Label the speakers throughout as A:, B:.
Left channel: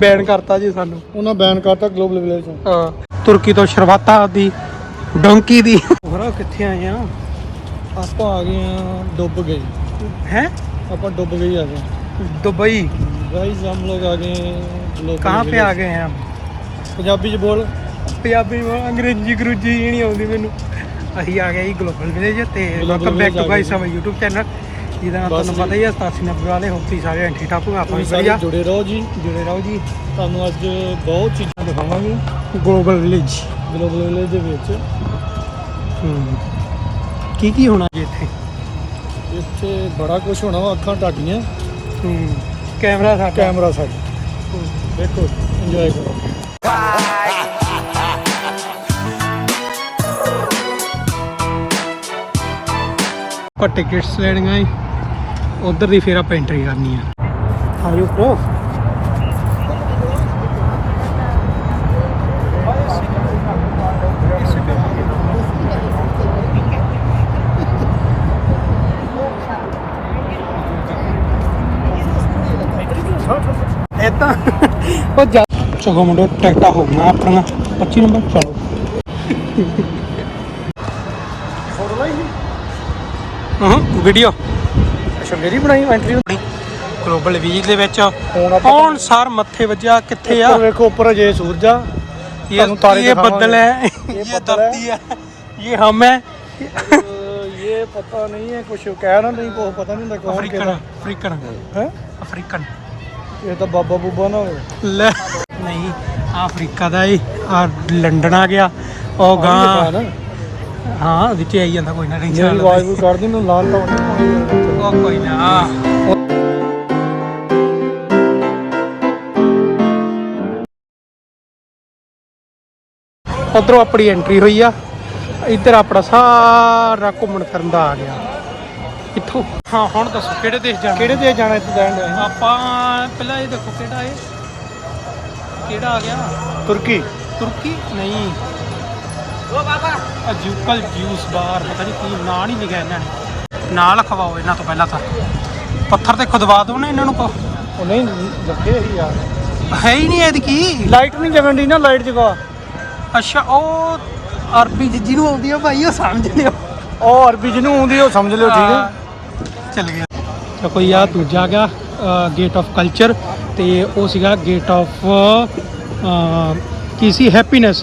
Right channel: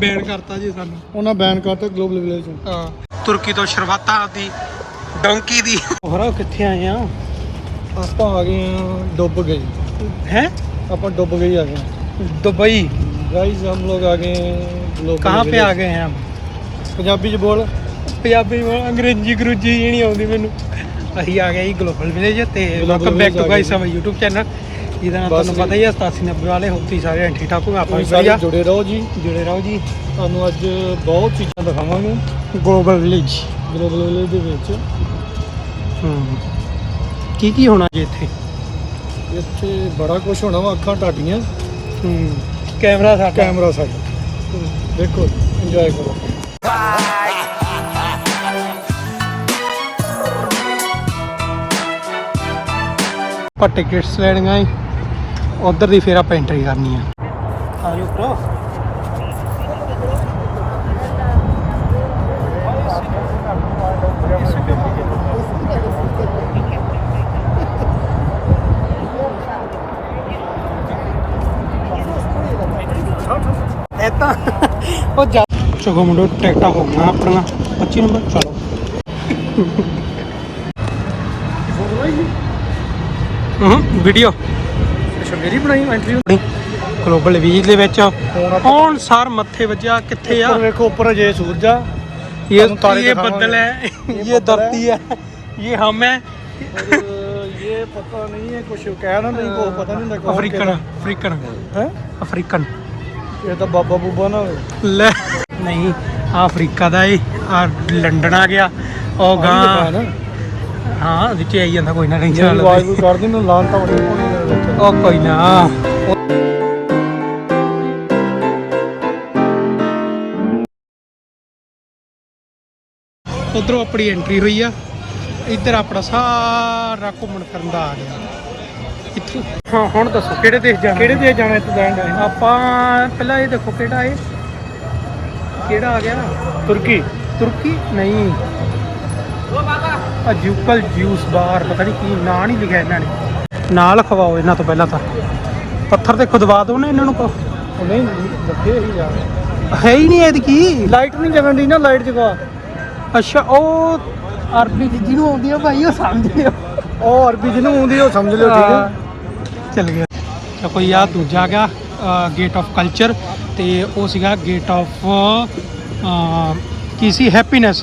A: Ban ਕਰਤਾ ਜੀ ਸਾਨੂੰ
B: ਉਹਨਾਂ ਬੈਨ ਕਰਤਾ ਗਲੋਬਲ ਵਿਲੇਜ
A: ਹਾਂ ਤੁਰਕੀ ਤੋਂ ਸ਼ਰਵਾਤਾ ਦੀ ਡੋਂਕੀ ਦੀ ਹੋਰ ਕਿੱਥੇ ਆਏ ਆ
B: ਆਪਾਂ ਆ ਗਏ ਆ ਡੁੱਬ ਗਏ
A: ਹੈ
B: ਆਪਾਂ ਡੁੱਬ ਗਏ ਆ ਗਏ
A: ਦੁਬਈ
B: गाइस हम लोग आ गए ग्लोबल
A: ਕਹਾਂ पे ਆ ਗਏ ਆ
B: पंजाबी च बोल
A: ਪੰਜਾਬੀ ਵਾ- ਅੰਗਰੇਜ਼ੀ ਗਰੂਜੀ ਇਹ ਨਹੀਂ ਆਉਂਦੀ ਮੈਨੂੰ ਅਸੀਂ ਆ ਗਏ ਜੀ ਗਲੋਬਲ ਵਿਲੇਜ ਤੇ
B: Global
A: welcome back
B: Village
A: to
B: ਆ
A: ਗਾਈਸ
B: ਗਏ
A: ਆਵਰ YouTube ਚੈਨਲ ਜਿਹਦਾ ਨਾਮ ਤੁਹਾਨੂੰ। ਪਤਾ ਹੀ ਹੈ 8790 ਵਾਲੇ ਹੋਪੀ ਸਾਰੇ ਐਂਟੀ ਟਾਪੂ ਆਪਾਂ ਵੀ ਵਧੀਆ।
B: ਜੁੜੇ ਰਹੋ ਜੀ।
A: ਜੁੜੇ ਰਹੋ ਜੀ।
B: ਤੁਹਾਨੂੰ ਅੱਜ ਬਹੁਤ ਚੀਜ਼ਾਂ ਦਿਖਾਵਾਂਗੇ।
A: ਗਲੋਬਲ ਵਿਲੇਜ
B: ਗਲੋਬਲ ਵਿਲੇਜ ਦੇ ਵਿੱਚ।
A: ਹੂੰ। ਕੀ ਕੀ ਹੋਣਾ ਜੀ ਇੱਥੇ?
B: ਇੱਥੇ ਬੜਾ ਕੁਝ ਹੋਣਾ ਵਾ ਅੱਖਾਂ ਟਾਟੀਆਂ।
A: ਹੂੰ। ਕੈਮਰਾ ਸਾਡਾ।
B: ਕੈਮਰਾ ਸਾਡਾ। ਦੇਖੋ ਇੰਜੋਏ ਕਰੋ।
A: ਆਪਾਂ ਟਿਕਟਸ ਲੈਣੀਆਂ ਉਧਰ ਦੀ ਫਿਰ ਆਪਾਂ ਐਂਟਰੀ ਕਰਨੀ ਆ। ਆ ਜਾਓ ਪ੍ਰੋ ਉਹ ਜਾ ਚਲੋ ਮੁੰਡੋ ਟਿਕਟਾਂ ਹੋ ਗਈਆਂ ਆਪਣੀਆਂ। 25 ਨੰਬਰ ਚਲੋ। ਹਾਂ ਵੀਡੀਓ। ਗਲੋਬਲ 20 ਦੇ ਵਿੱਚ ਕੌਣ ਸਰ ਮੱਥੇ ਵੱਜਿਆ ਕਿੱਥੇ ਆ?
B: ਵੇਖੋ ਉੱਪਰ ਜੇ ਸੂਰਜ ਆ। ਇਹ
A: ਇਹ
B: ਬੱਦਲ
A: ਹੈ ਇਹ ਧਰਤੀ ਹੈ ਇਹ
B: ਹਮ ਹੈ। ਇਹ ਪਤਾ ਨਹੀਂ ਹੈ ਕੁਝ ਕਹਿ ਨਾ ਨਹੀਂ ਕੋ ਪਤਾ ਨਹੀਂ
A: ਲੱਗਾ ਅਫਰੀਕਨ
B: ਅਫਰੀਕਨ।
A: ਹੈ?
B: ਅਫਰੀਕਨ। ਇਹ ਤਾਂ ਬਾਬਾ ਬੂਬਾ ਨਾ
A: ਲੈ ਨਹੀਂ ਆ ਅਫਰੀਕਾ ਦਾ ਇਹ ਆ ਲੰਡਨ ਆ ਗਿਆ। ਉਹ ਗਾਂ ਹਾਂ। ਵਿੱਚ ਆਈ ਜਾਂਦਾ ਕੋਈ ਨਾ ਟੈਨਸ਼ਨ
B: ਵਾਹਿਗੁਰੂ ਕਰਦੇ ਨੂੰ ਲਾਲ ਪਾਉਣੀ
A: ਉਹ ਕੋਈ ਨਾ। ਉਧਰੋਂ ਆਪਣੀ ਐਂਟਰੀ ਹੋਈ ਆ। ਇੱਧਰ ਆਪਣਾ ਸਾਰਾ ਘੁੰਮਣ ਫਿਰਨ ਦਾ ਆ ਗਿਆ। ਇੱਥੋਂ। ਹਾਂ ਹੁਣ ਦੱਸੋ ਕਿਹੜੇ ਦੇਸ਼ ਜਾਣਾ?
B: ਕਿਹੜੇ ਦੇਸ਼ ਜਾਣਾ ਇੱਥੇ ਲੈਂਡ ਹੈ
A: ਆਪਾਂ ਪਹਿਲਾਂ ਇਹ ਦੇਖੋ ਕਿਹੜਾ ਏ ਕਿਹੜਾ ਆ ਗਿਆ?
B: ਤੁਰਕੀ।
A: ਤੁਰਕੀ? ਨਹੀਂ। ਅਜੂਕਲ ਜੂਸ ਬਾਰ ਪਤਾ ਨਹੀਂ ਕੀ ਨਾਂ ਨਹੀਂ ਲਿਖਿਆ ਇਹਨਾਂ ਨੇ। ਨਾਂ ਲਿਖਵਾਓ ਇਹਨਾਂ ਤੋਂ ਪਹਿਲਾਂ ਤਾਂ। ਪੱਥਰ ਤੇ ਖੁਦਵਾ ਦਿਓ ਨਾ ਇਹਨਾਂ ਨੂੰ ਕਹੋ।
B: ਨਹੀਂ ਲੱਗੇ ਹੀ ਯਾਰ
A: ਹੈ ਹੀ ਨਹੀਂ ਇਹਦੀ ਕੀ
B: ਲਾਈਟ ਨਹੀਂ ਜਗਣ ਦੀ ਨਾ ਲਾਈਟ ਜਗਾ।
A: ਅੱਛਾ ਉਹ ਅਰਬੀ ਜਿਹਨੂੰ ਆਉਂਦੀ ਆ ਭਾਈ ਉਹ ਸਮਝ ਲਿਓ।
B: ਉਹ ਅਰਬੀ ਜਿਹਨੂੰ ਆਉਂਦੀ ਉਹ ਸਮਝ ਲਿਓ ਠੀਕ
A: ਹਾਂ,
B: ਹੈ।
A: ਚੱਲ ਗਿਆ। ਤਾਂ ਕੋਈ ਆ ਦੂਜਾ ਗਿਆ ਗੇਟ ਆਫ ਕਲਚਰ ਤੇ ਉਹ ਸੀਗਾ ਗੇਟ ਆਫ ਕੀ ਸੀ? ਹੈਪੀਨੈਸ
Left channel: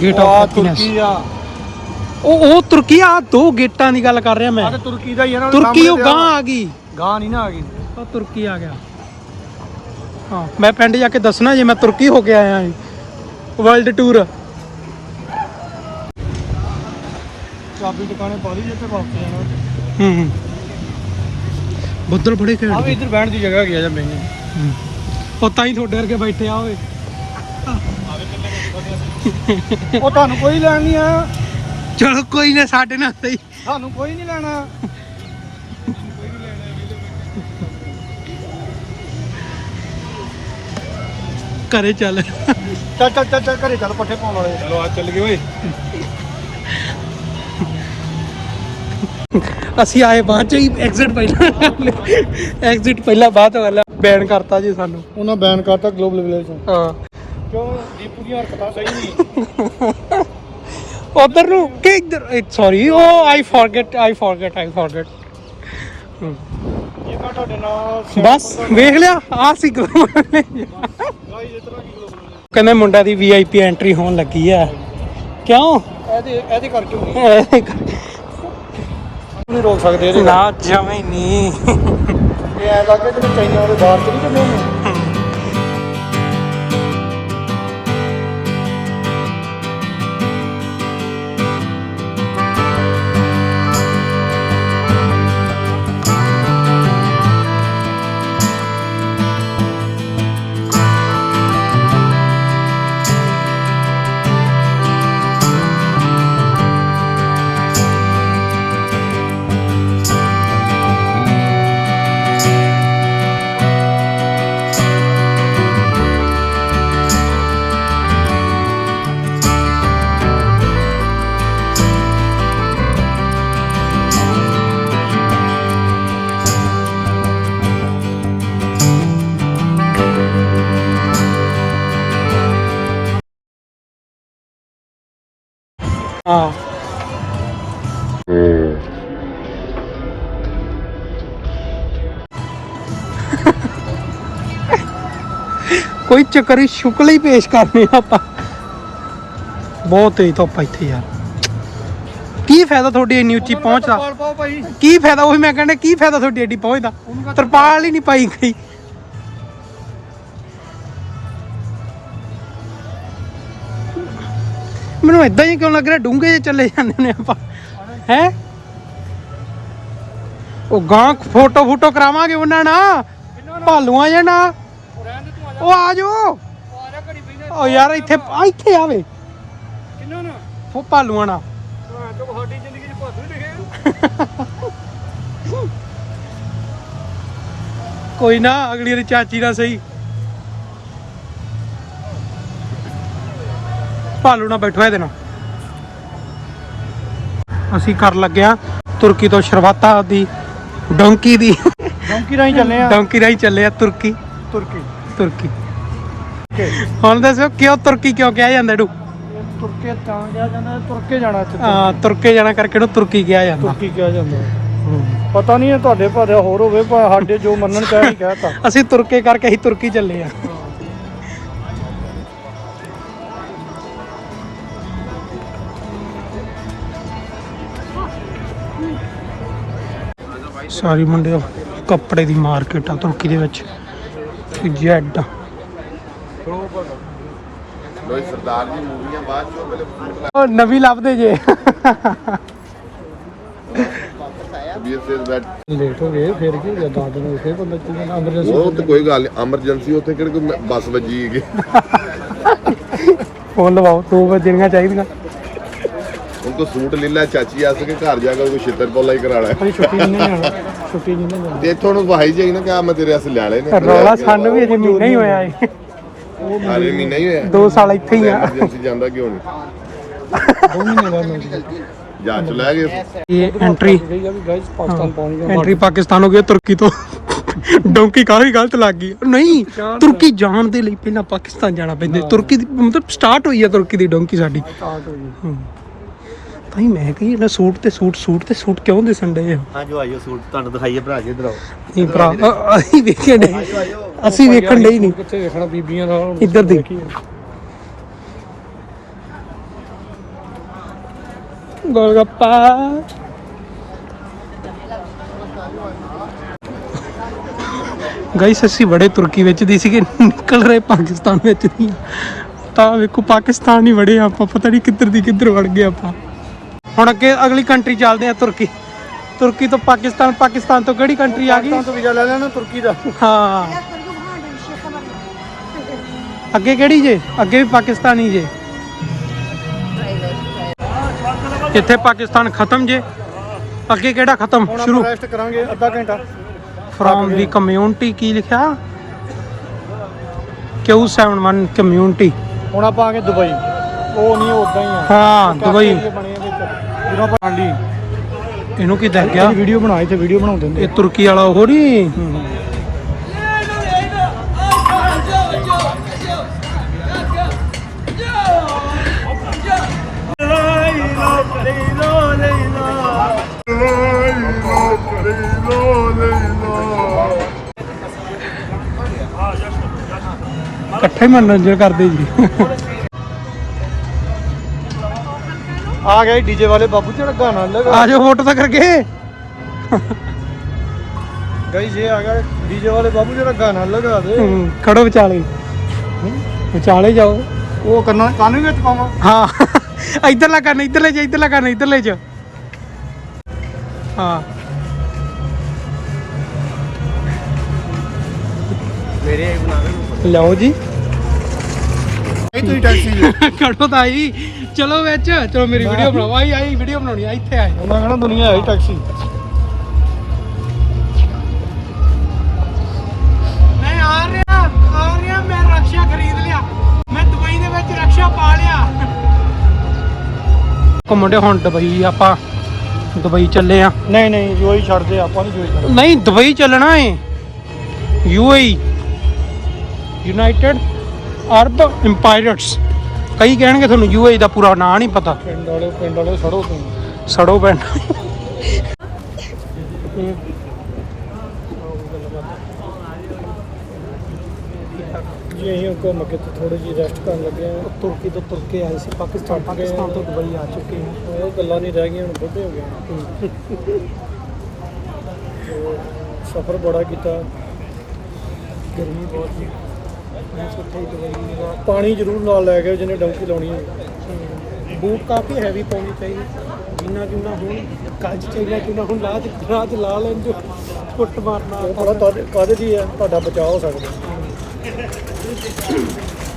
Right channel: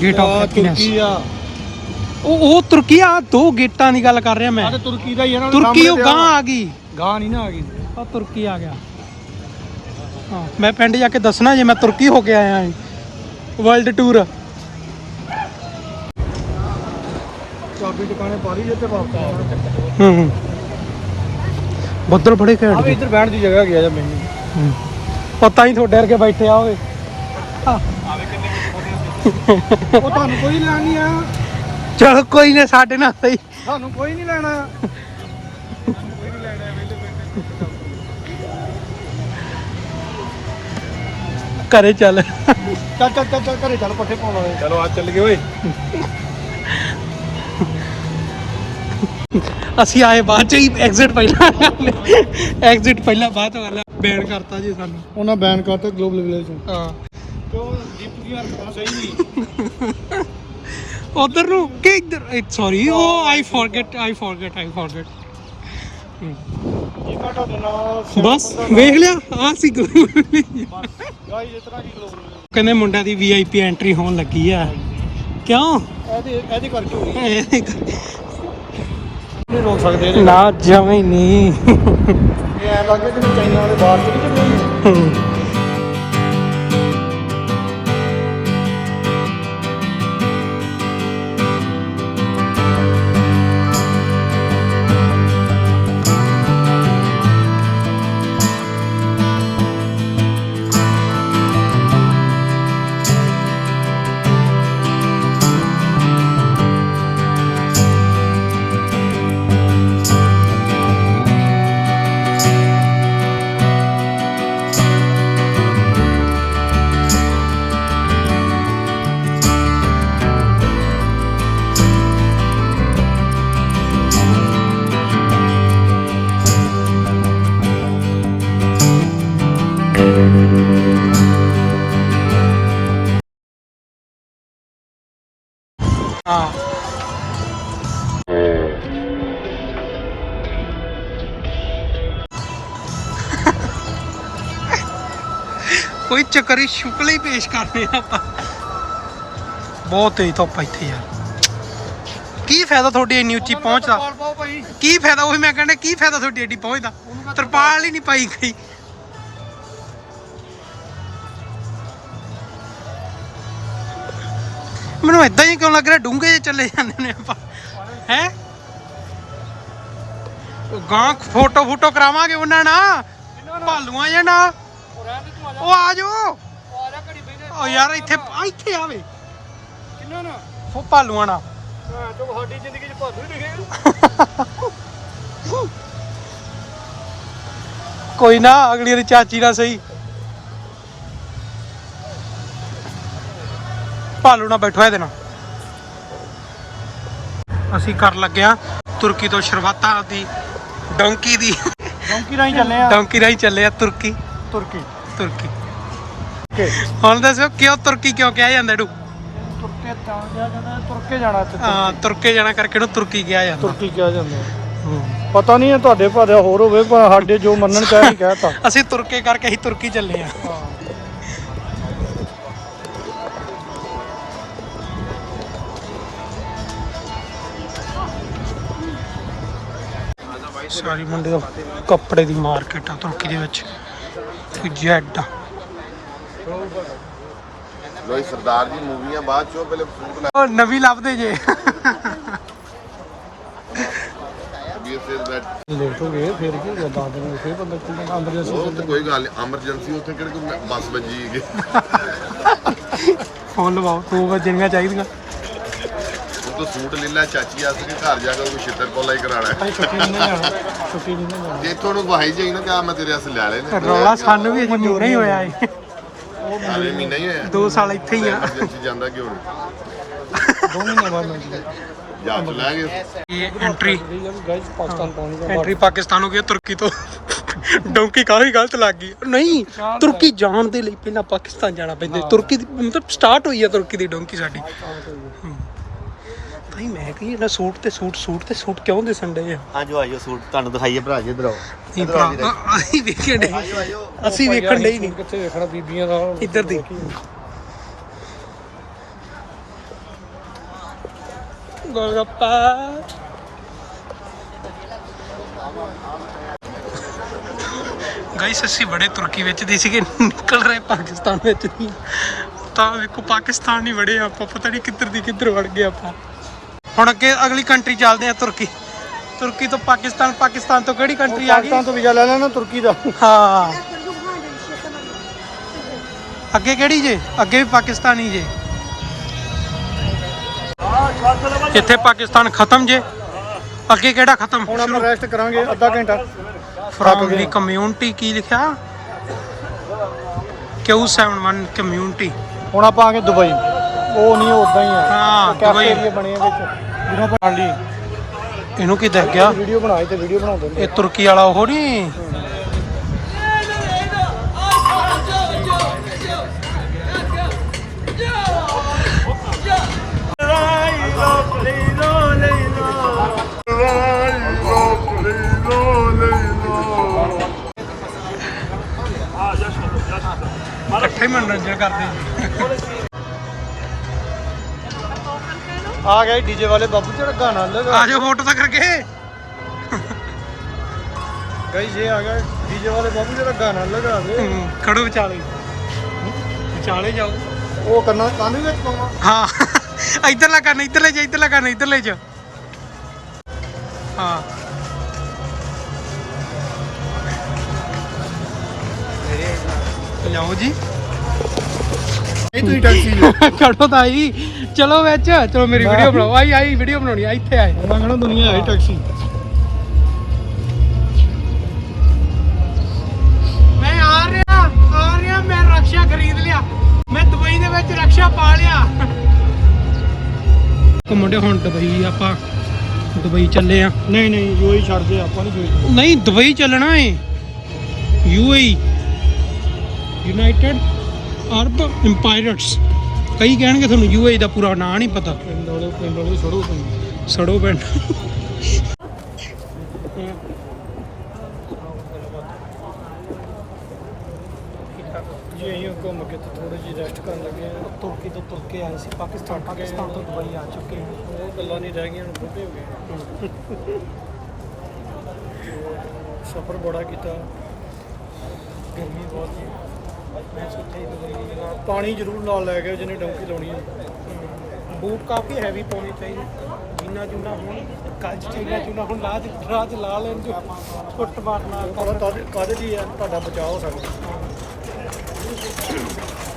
A: ਗੇਟ ਆਫ ਹੈਪੀਨੈਸ
B: ਤੁਰਕੀ ਆ।
A: ਉਹ ਉਹ ਤੁਰਕੀ ਆ ਦੋ ਗੇਟਾਂ ਦੀ ਗੱਲ ਕਰ ਰਿਹਾ
B: ਆ
A: ਮੈਂ
B: ਤੇ ਤੁਰਕੀ ਦਾ ਹੀ ਹੈ ਨਾ
A: ਤੁਰਕੀ ਉਹ ਗਾਂ ਆ। ਗਈ।
B: ਗਾਂ ਨਹੀਂ ਨਾ ਆ ਗਈ।
A: ਉਹ ਤੁਰਕੀ ਆ ਗਿਆ। ਹਾਂ ਮੈਂ ਪਿੰਡ ਜਾ ਕੇ ਦੱਸਣਾ ਜੇ ਮੈਂ ਤੁਰਕੀ ਹੋ ਕੇ ਆਇਆ ਹਾਂ। ਵਰਲਡ ਟੂਰ
B: ਚਾਬੀ ਦੁਕਾਨੇ ਪਾਣੀ ਜੇ ਤੇ ਬਣਦਾ
A: ਹੂੰ ਹੂੰ। ਬੱਦਲ ਬੜੇ
B: ਆ
A: ਘੈਂਟ
B: ਇੱਧਰ ਬਹਿਣ ਦੀ ਜਗ੍ਹਾ ਹੈਗੀ ਆ ਜੇ ਮੈਨੇ
A: ਹੂੰ। ਪਤਾ ਹੀ ਤੁਹਾਡੇ ਵਰਗੇ ਬੈਠੇ ਆ ਓਏ।
B: ਉਹ ਤੁਹਾਨੂੰ ਕੋਈ ਲੈਣ ਨਹੀਂ ਆਇਆ।
A: ਚਲੋ ਕੋਈ ਨਾ ਸਾਡੇ ਨਾਲ ਸਹੀ।
B: ਤੁਹਾਨੂੰ ਕੋਈ ਨਹੀਂ ਲੈਣਾ।
A: ਘਰੇ ਚੱਲ।
B: ਚੱਲ ਚੱਲ ਚੱਲ ਚੱਲ ਘਰੇ ਚੱਲ ਪੱਠੇ ਪਾਉਣ ਵਾਲੇ। ਚਲੋ ਆ ਚੱਲ ਗਏ ਓਏ।
A: ਅਸੀਂ ਆਏ ਬਾਅਦ ਚ ਹੀ ਐਗਜ਼ਿਟ ਪਹਿਲਾਂ। ਐਗਜ਼ਿਟ ਪਹਿਲਾਂ ਬਾਅਦ ਚ ਵਾਲਾ ਬੈਨ ਕਰਤਾ ਜੀ ਸਾਨੂੰ।
B: ਉਹਨਾਂ ਬੈਨ ਕਰਤਾ ਗਲੋਬਲ ਵਿਲੇਜ
A: ਹਾਂ।
B: ਕਿਉਂ? ਦੀਪੂ ਦੀਆਂ ਹਰਕਤਾਂ ਸਹੀ ਨਹੀਂ।
A: ਉਧਰ ਨੂੰ ਕਿ ਇੱਧਰ ਸੌਰੀ ਉਹ I forget I forget I forget
B: ਇਹ ਮੈਂ ਤੁਹਾਡੇ ਨਾਲ
A: ਬਸ ਵੇਖ ਲਿਆ ਆ ਸੀ
B: ਗਾਈਸ ਇਸ ਤਰ੍ਹਾਂ ਕੀ ਗਲੋਬਲ
A: ਕਹਿੰਦੇ ਮੁੰਡਾ ਦੀ ਵੀਆਈਪੀ ਐਂਟਰੀ ਹੋਣ ਲੱਗੀ ਆ। ਕਿਉਂ?
B: ਇਹਦੇ ਇਹਦੇ ਕਰਕੇ
A: ਇਹ
B: ਨਹੀਂ ਰੋਕ ਸਕਦੇ
A: ਨਾ ਜਮੇ ਨਹੀਂ।
B: ਇਹ ਲੱਗੇ ਕਿ ਚਾਈਨਾ ਦੇ ਬਾਹਰ
A: ਕੋਈ ਚੱਕਰ ਹੀ ਸ਼ੁਕਲ ਹੀ ਪੇਸ਼ ਕਰਨੇ ਆਪਾਂ। ਬਹੁਤ ਤੇਜ਼ ਧੁੱਪ ਆ ਇੱਥੇ ਯਾਰ। ਕੀ ਫਾਇਦਾ ਤੁਹਾਡੀ ਇੰਨੀ ਉੱਚੀ ਪਹੁੰਚ ਦਾ?
B: ਪਾਲ ਪਾਓ ਭਾਈ।
A: ਕੀ ਫਾਇਦਾ ਉਹੀ ਮੈਂ ਕਹਿੰਦਾ ਕੀ ਫਾਇਦਾ ਤੁਹਾਡੀ ਏਡੀ ਪਹੁੰਚ ਦਾ? ਤਰਪਾਲ ਹੀ ਨਹੀਂ ਪਾਈ ਗਈ। ਮੈਨੂੰ ਇਦਾਂ ਹੀ ਕਿਉਂ ਲੱਗ ਰਿਹਾ ਡੂੰਘੇ ਜਿਹੇ ਚੱਲੇ ਜਾਂਦੇ ਨੇ ਆਪਾਂ। ਹੈ? ਉਹ ਗਾਂ ਫੋਟੋ ਫੋਟੋ ਕਰਾਵਾਂਗੇ ਉਹਨਾਂ ਨਾਲ ਭਾਲੂਆਂ ਜੇ ਨਾ
B: ਉਹ ਆ
A: ਜਾਓ।
B: ਉਹ ਆ ਜਾ ਘੜੀ ਬੈਨੇ
A: ਉਹ ਯਾਰ ਇੱਥੇ ਆਵੇ
B: ਕਿੰਨਾ ਨਾ?
A: ਫੋ ਭਾਲੂਆਂ ਨਾਲ।
B: ਜ਼ਿੰਦਗੀ 'ਚ ਭਾਦੂ ਲਿਖਿਆ
A: ਕੋਈ ਨਾ ਅਗਲੀ ਵਾਰੀ ਚਾਚੀ ਦਾ ਸਹੀ। ਭਾਲੂ ਨਾ ਬੈਠੋ ਇਹਦੇ ਨਾਲ। ਅਸੀਂ ਕਰ ਲੱਗਿਆ ਤੁਰਕੀ ਤੋਂ ਸ਼ਰਵਾਤਾ ਦੀ ਡੋਂਕੀ ਦੀ।
B: ਡੌਂਕੀ ਰਾਹੀਂ ਚੱਲੇ ਆ
A: ਡੋਂਕੀ ਰਾਹੀਂ ਚੱਲੇ ਆ ਤੁਰਕੀ।
B: ਤੁਰਕੀ।
A: ਤੁਰਕੀ। ਹੁਣ ਦੱਸੋ ਕਿਉਂ ਤੁਰਕੀ ਕਿਉਂ ਕਿਹਾ ਜਾਂਦਾ ਇਹਨੂੰ?
B: ਤੁਰਕੇ ਤਾਂ ਗਿਆ ਜਾਂਦਾ ਤੁਰਕੇ ਜਾਣਾ ਇੱਥੇ।
A: ਆ ਤੁਰਕੇ ਜਾਣਾ ਕਰਕੇ ਇਹਨੂੰ ਤੁਰਕੀ ਕਿਹਾ ਜਾਂਦਾ।
B: ਤੁਰਕੀ ਕਿਹਾ ਜਾਂਦਾ।
A: ਹੂੰ।
B: ਪਤਾ ਨਹੀਂ ਤੁਹਾਡੇ ਭਾਦੇ ਹੋਰ ਹੋਵੇ ਪਰ ਸਾਡੇ ਜੋ ਮੰਨਣ ਚਾਹ ਕਹਿਤਾ
A: ਅਸੀਂ ਤੁਰਕੇ ਕਰਕੇ ਹੀ ਤੁਰਕੀ ਚੱਲੇ ਆ ਸਾਰੀ ਮੁੰਡੇ ਕੱਪੜੇ ਦੀ ਮਾਰਕੀਟ ਆ ਤੁਰਕੀ ਦੇ ਵਿੱਚ। ਜੈਡ
C: ਲੋਈ ਸਰਦਾਰ ਦੀ ਮੂਵੀਆਂ ਬਾਅਦ ਚੋਂ ਪਹਿਲੇ ਫੂਟ ਲਾ
A: ਉਹ ਨਵੀਂ ਲੱਭਦੇ ਜੇ।
C: ਕਬੀਰ ਸੇ ਬੈਠ
B: ਲੇਟ ਹੋ ਗਏ ਫਿਰ ਕੀ ਹੋ ਗਿਆ ਦਸ ਦਿਨ ਫੇਰ ਬੰਦਾ ਕੀ ਕਹਿੰਦਾ? ਐਮਰਜੈਂਸੀ
C: ਉਹ ਤੇ ਕੋਈ ਗੱਲ ਨਹੀਂ ਐਮਰਜੈਂਸੀ ਉੱਥੇ ਕਿਹੜੇ ਕੋਈ ਬੱਸ ਵੱਜੀ ਹੈਗੀ।
A: ਫੋਨ ਲਵਾਓ ਚਾਹੀਦੀਆਂ।
C: ਤਾਂ ਸੂਟ ਲੈ ਲੈ ਚਾਚੀ ਆ ਸਕੇ ਘਰ ਜਾ ਕੇ ਕੋਈ ਛਿੱਤਰ ਪੋਲਾ ਹੀ ਕਰਾਣਾ
B: ਛੁੱਟੀ ਨਹੀਂ ਨਾ ਜਾਣਾ ਛੁੱਟੀ ਨਹੀਂ ਨਾ ਜਾਣਾ
C: ਤੇ ਇੱਥੋਂ ਨੂੰ ਜਾਈ ਨਾ ਕਿ ਆ ਮੈਂ ਤੇਰੇ ਵਾਸਤੇ ਲੈ ਲਏ ਨੇ।
A: ਰੌਲਾ ਸਾਨੂੰ ਵੀ ਅਜੇ ਮਹੀਨਾ ਹੀ ਹੋਇਆ ਏ
C: ਸਾਰੇ ਮਹੀਨਾ ਹੀ ਹੋਇਆ।
A: ਦੋ ਸਾਲ ਇੱਥੇ ਹੀ ਆ।
C: ਐਮਰਜੈਂਸੀ ਜਾਂਦਾ ਕਿਉਂ ਨਹੀਂ?
B: ਮਹੀਨੇ ਬਾਅਦ ਮਿਲ ਗਿਆ
C: ਜਾ ਚ ਲੈ ਗਏ
A: ਇਹ ਐਂਟਰੀ ਐਂਟਰੀ ਪਾਕਿਸਤਾਨ ਹੋ ਗਿਆ ਤੁਰਕੀ ਤੋਂ। ਡੌਂਕੀ ਕਾਹੀ ਗਲਤ ਲੱਗ ਗਈ। ਨਹੀਂ ਤੁਰਕੀ ਜਾਣ ਦੇ ਲਈ ਪਹਿਲਾਂ ਪਾਕਿਸਤਾਨ ਜਾਣਾ ਪੈਂਦਾ। ਤੁਰਕੀ ਦੀ ਮਤਲਬ ਸਟਾਰਟ ਹੋਈ ਹੈ ਤੁਰਕੀ ਦੀ ਡੌਂਕੀ ਸਾਡੀ।
B: ਸਟਾਰਟ ਹੋ ਗਈ
A: ਹਾਂ ਭਾਈ ਮੈਂ ਕਹੀ ਇਹਨਾਂ ਸੂਟ ਤੇ ਸੂਟ ਸੂਟ ਤੇ ਸੂਟ ਕਿਉਂ ਦਿਸਣ ਡੇ ਆ?
D: ਆਜੋ ਆਜੋ ਸੂਟ ਤੁਹਾਨੂੰ ਦਿਖਾਈਏ ਭਰਾ ਜੀ ਇਧਰ
A: ਨਹੀਂ ਭਰਾ ਅ- ਅਸੀਂ ਵੇਖਣ ਡੇ ਅਸੀਂ ਵੇਖਣ ਡੇ ਨਹੀਂ।
B: ਕਿੱਥੇ ਦੇਖਣਾ ਬੀਬੀਆਂ ਦਾ।
A: ਇੱਧਰ ਦੀ ਗੋਲਗੱਪਾ। ਗਾਇਸ ਅਸੀਂ ਬੜੇ ਤੁਰਕੀ ਵਿੱਚ ਦੀ ਸੀਗੇ ਨਿਕਲ ਰਹੇ ਪਾਕਿਸਤਾਨ ਵਿੱਚ ਦੀ। ਤਾਂ ਵੇਖੋ ਪਾਕਿਸਤਾਨ ਹੀ ਵੜੇ ਆਪਾਂ ਪਤਾ ਨਹੀਂ ਕਿੱਧਰ ਦੀ ਕਿੱਧਰ ਵੜ ਗਏ ਆਪਾਂ। ਹੁਣ ਅੱਗੇ ਅਗਲੀ ਕੰਟਰੀ ਚੱਲਦੇ ਆ ਤੁਰਕੀ। ਤੁਰਕੀ ਤੋਂ ਪਾਕਿਸਤਾਨ ਪਾਕਿਸਤਾਨ ਤੋਂ ਕਿਹੜੀ ਕੰਟਰੀ ਆ ਗਈ?
B: ਤਾਂ ਵੀਜ਼ਾ ਲੈ ਲੈਣਾ ਤੁਰਕੀ ਦਾ।
A: ਹਾਂ। ਅੱਗੇ ਕਿਹੜੀ ਜੇ? ਅੱਗੇ ਵੀ ਪਾਕਿਸਤਾਨੀ ਜੇ। ਇੱਥੇ ਪਾਕਿਸਤਾਨ ਖਤਮ ਜੇ। ਅੱਗੇ ਕਿਹੜਾ ਖਤਮ? ਸ਼ੁਰੂ।
B: ਰੈਸਟ ਕਰਾਂਗੇ ਅੱਧਾ ਘੰਟਾ।
A: ਫਰੋਮ ਦੀ ਕਮਿਊਨਿਟੀ ਕੀ ਲਿਖਿਆ? Q71 community.
B: ਹੁਣ ਆਪਾਂ ਆ ਗਏ ਦੁਬਈ। ਉਹ ਨਹੀਂ ਉਦਾਂ ਹੀ ਆ।
A: ਹਾਂ ਦੁਬਈ।
B: ਕੈਫੇ ਬਣੇ ਆ ਵਿੱਚ। ਜਦੋਂ ਆਪਾਂ ਆਂਦੀ
A: ਇਹਨੂੰ ਕੀ ਦੱਸ ਗਿਆ?
B: ਵੀਡੀਓ ਬਣਾਏ ਤੇ ਵੀਡੀਓ ਬਣਾਉਂਦੇ ਨੇ
A: ਇਹ ਤੁਰਕੀ ਵਾਲਾ ਉਹ ਨਹੀਂ? ਇਕੱਠੇ ਮਨੋਰੰਜਨ ਕਰਦੇ ਜੀ।
B: ਆ ਗਏ ਡੀਜੇ ਵਾਲੇ ਬਾਬੂ ਜਿਹੜਾ ਗਾਣਾ ਲੈ
A: ਆ ਜਾਓ ਫੋਟੋ ਤਾਂ ਕਰਕੇ।
B: ਗਈ ਜੇ ਆ ਗਏ ਡੀਜੇ ਵਾਲੇ ਬਾਬੂ ਜਿਹੜਾ ਗਾਣਾ ਲਗਾ ਦੇ।
A: ਹੂੰ, ਖੜੋ ਵਿਚਾਲੇ। ਵਿਚਾਲੇ ਜਾਓ।
B: ਉਹ ਕਰਨਾ ਕਾਨੂੰਨ ਵਿੱਚ ਪਾਵਾਂ।
A: ਹਾਂ ਇਧਰਲਾ ਕਰਨ ਇਧਰਲੇ ਚ ਇਧਰਲਾ ਕਰਨ ਇਧਰਲੇ ਚ। ਹਾਂ।
B: ਮੇਰੇ
A: ਲਿਆਓ ਜੀ।
B: ਇਹ ਤੁਸੀਂ ਟੈਕਸੀ ਜੋ
A: ਖੜੋ ਤਾਂ ਆਈ। ਚਲੋ ਵਿੱਚ ਚਲੋ ਮੇਰੀ ਵੀਡੀਓ ਬਣਾਓ। ਆਈ ਆਈ ਵੀਡੀਓ ਬਣਾਉਣੀ ਆ ਇੱਥੇ ਆਏ।
B: ਉਹਨਾਂ ਕਹਣਾ ਦੁਨੀਆ ਹੈ ਹੀ ਟੈਕਸੀ
A: ਮੈਂ ਆ ਰਿਹਾ ਆ ਰਿਹਾ ਮੈਂ ਰਕਸ਼ਾ ਖਰੀਦ ਲਿਆ। ਮੈਂ ਦੁਬਈ ਦੇ ਵਿੱਚ ਰਕਸ਼ਾ ਪਾ ਲਿਆ। ਘੁੰਮਣ ਦੇ ਹੁਣ ਦੁਬਈ ਆਪਾਂ ਦੁਬਈ ਚੱਲੇ ਆ।
B: ਨਹੀਂ ਨਹੀਂ ਜੋ ਹੀ ਛੱਡਦੇ ਆਪਾਂ ਨਹੀਂ ਜੋ ਹੀ ਛੱਡਦੇ
A: ਨਹੀਂ ਦੁਬਈ ਚੱਲਣਾ ਏ। ਯੂਏਈ ਯੂਨਾਈਟਿਡ ਅਰਬ ਇੰਪਾਇਰਟਸ ਕਈ ਕਹਿਣਗੇ ਤੁਹਾਨੂੰ ਯੂਏਈ ਦਾ ਪੂਰਾ ਨਾਂ ਨਹੀਂ ਪਤਾ।
B: ਪਿੰਡ ਵਾਲੇ ਪਿੰਡ ਵਾਲੇ ਸੜੋ
A: ਪਿੰਡ।
B: ਜੀ ਅਸੀਂ ਘੁੰਮ ਕੇ ਤੇ ਥੋੜੀ ਜਿਹੀ ਰੈਸਟ ਕਰਨ ਲੱਗੇ ਆ
A: ਤੁਰਕੀ ਤੋਂ ਤੁਰ ਕੇ ਆਏ ਸੀ ਪਾਕਿਸਤਾਨ ਪਾਕਿਸਤਾਨ ਤੋਂ। ਦੁਬਈ ਆ ਚੁੱਕੇ ਹਾਂ।
B: ਉਹ ਗੱਲਾਂ ਨਹੀਂ ਰਹਿ ਗਈਆਂ ਹੁਣ ਬੁੱਢੇ ਹੋ ਗਏ ਆ। ਤੇ ਸਫ਼ਰ ਬੜਾ ਕੀਤਾ।
A: ਗਰਮੀ ਬਹੁਤ ਸੀ। ਮੈਂ ਸੋਚਿਆ ਹੀ ਦੁਬਈ ਦੀ ਜਗ੍ਹਾ।
B: ਪਾਣੀ ਜ਼ਰੂਰ ਨਾਲ ਲੈ ਕੇ ਜਿਹਨੇ ਡੌਂਕੀ ਲਾਉਣੀ ਹੋਵੇ।
A: ਬੂਟ ਕਾਫੀ ਹੈਵੀ ਪਾਉਣੇ ਚਾਹੀਦੇ। ਜੀਨਾ ਜੂਨਾ ਹੁਣ ਕੱਜ ਚਾਈਨਾ ਚੂਨਾ ਹੁਣ ਲਾਜ ਰਾਜ ਲਾ ਲੈਣ ਜੋ ਫੁੱਟ ਮਾਰਨਾ
B: ਉਹ ਪਤਾ ਕਾਹਦੇ ਦੀ ਆ ਤੁਹਾਡਾ ਬਚਾਅ ਹੋ ਸਕਦਾ।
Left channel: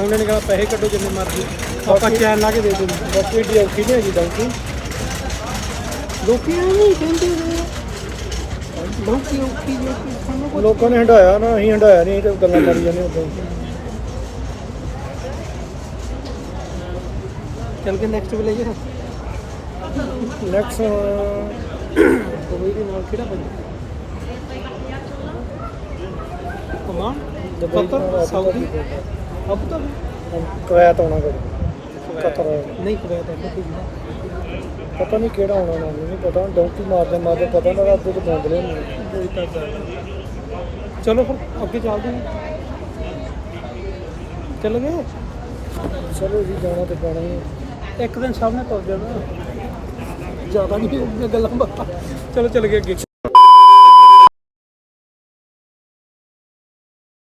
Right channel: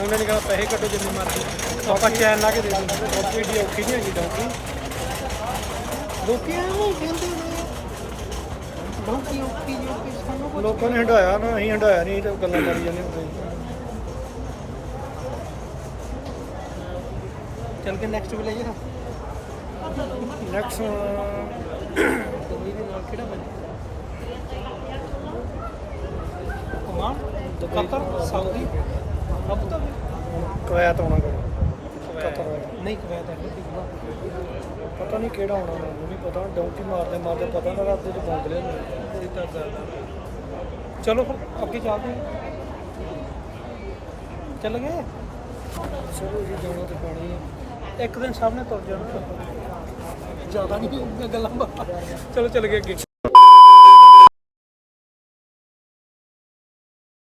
A: ਉਹਨਾਂ ਨੇ ਕਹਾ ਪੈਸੇ ਕੱਢੋ ਜਿੰਨੇ ਮਰਜ਼ੀ। ਆਪਾਂ
B: ਬਾਕੀ-
A: ਚੈਨ ਲਾ ਕੇ ਦੇ ਦਿੰਦੇ।
B: ਬਾਕੀ ਏਡੀ ਔਖੀ ਨਹੀਂ ਹੈਗੀ ਡੌਂਕੀ।
A: ਲੋਕੀ ਐਵੇਂ ਹੀ ਕਹਿੰਦੇ ਨੇ। ਲੋਕੀ ਔਖੀ ਜੋ ਕਿ ਸਾਨੂੰ ਕੁਝ
B: ਲੋਕਾਂ ਨੇ ਹੰਡਾਇਆ ਨਾ ਅਸੀਂ ਹੰਡਾਇਆ ਨਹੀਂ ਤੇ ਗੱਲਾਂ ਮਾਰੀ ਜਾਂਦੇ ਉਦਾਂ ਹੀ
A: ਚੱਲ ਕੇ ਨੈਕਸਟ ਵਿਲੇਜ
B: ਨੈਕਸਟ
A: ਦੁਬਈ ਦੇ ਨਾਲ ਕਿਹੜਾ ਪੈਂਦਾ ਕਮਾਨ Qatar Saudi. Abu Dhabi
B: Kuwait ਆਉਣਾ ਕਦੇ ਕਤਰ
A: ਨਹੀਂ ਕਵੈਤ ਹੈ। ਕਿ
B: ਪਤਾ ਨਹੀਂ ਕਿਹੜਾ ਆਉਣਾ ਮੈਨੂੰ ਨਹੀਂ ਪਤਾ। ਡੌਂਕੀ ਮਾਰਦੇ ਮਾਰਦੇ ਪਤਾ ਨਾ ਰਾਤੇ ਤੇ ਪਹੁੰਚਦੇ ਨੇ
A: ਕੋਈ ਤਾਂ ਗੱਲ ਚਲੋ ਫਿਰ ਅੱਗੇ ਚੱਲਦੇ ਹਾਂ। ਚੱਲ ਗਏ?
B: ਚਲੋ ਜੀ ਜਾਣਾ ਤੇ ਪੈਣਾ ਹੀ।
A: ਇੱਕ ਦਿਨ ਸਭ ਨੇ ਤੁਰ ਜਾਣਾ। ਜ਼ਿਆਦਾ ਨਹੀਂ ਹੋਊਗਾ ਗੱਲਾਂ ਬਾਤਾਂ। ਚਲੋ, ਚੱਲ ਗਏ ਅੱਗੇ।